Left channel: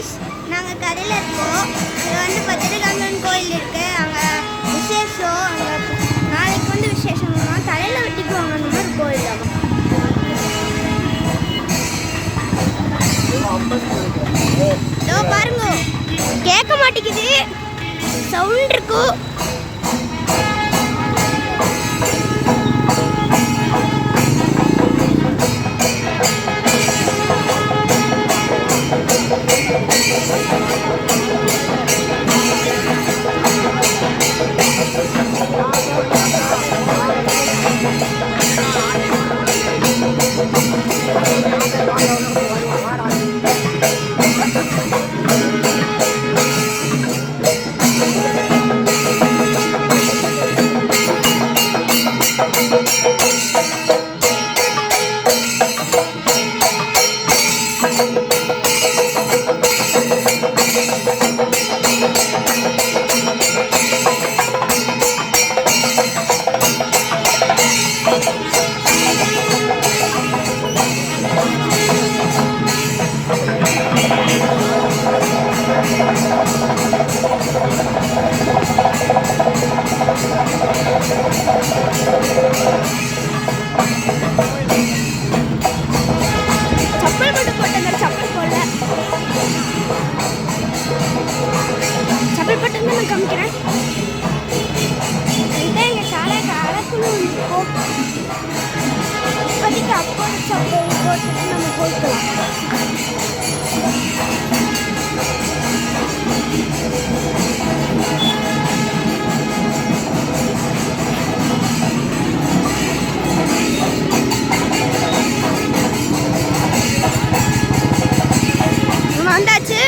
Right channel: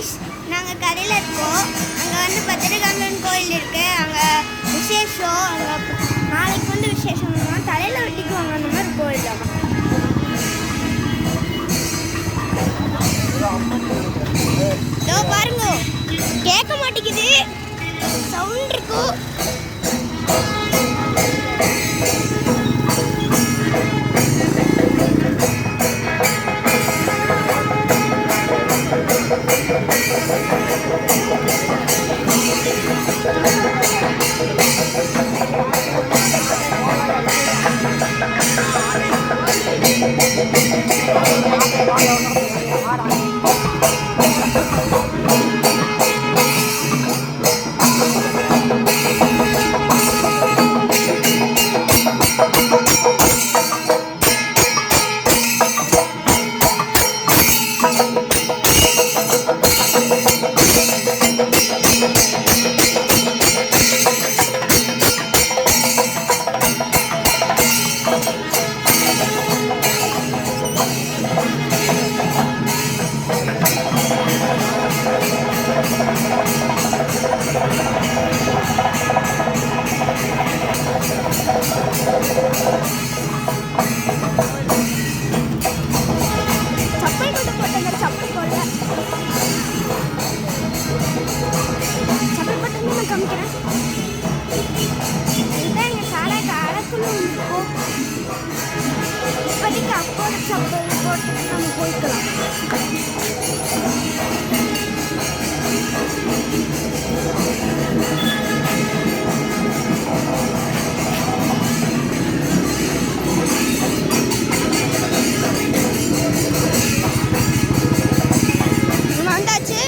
Guys, நாங்கள் கடையில் இருக்கோம். அங்கே வந்து பத்திரகாமன் கோயில் இருக்கு. அங்கே விசேஷம். அங்கே நாளைக்கு வந்து விசேஷம்னா தலையில் வெட்டிக்குவாங்க. அந்த மாதிரி கோயில் தான். இதோ பாருங்க, கேட்க மாட்டேங்குது, சவுண்ட் இருக்கும். இப்போதைக்கு அப்போட சப்பல் போட்டுட்டு நம்ம போய்க்கலாம். வந்தாச்சு.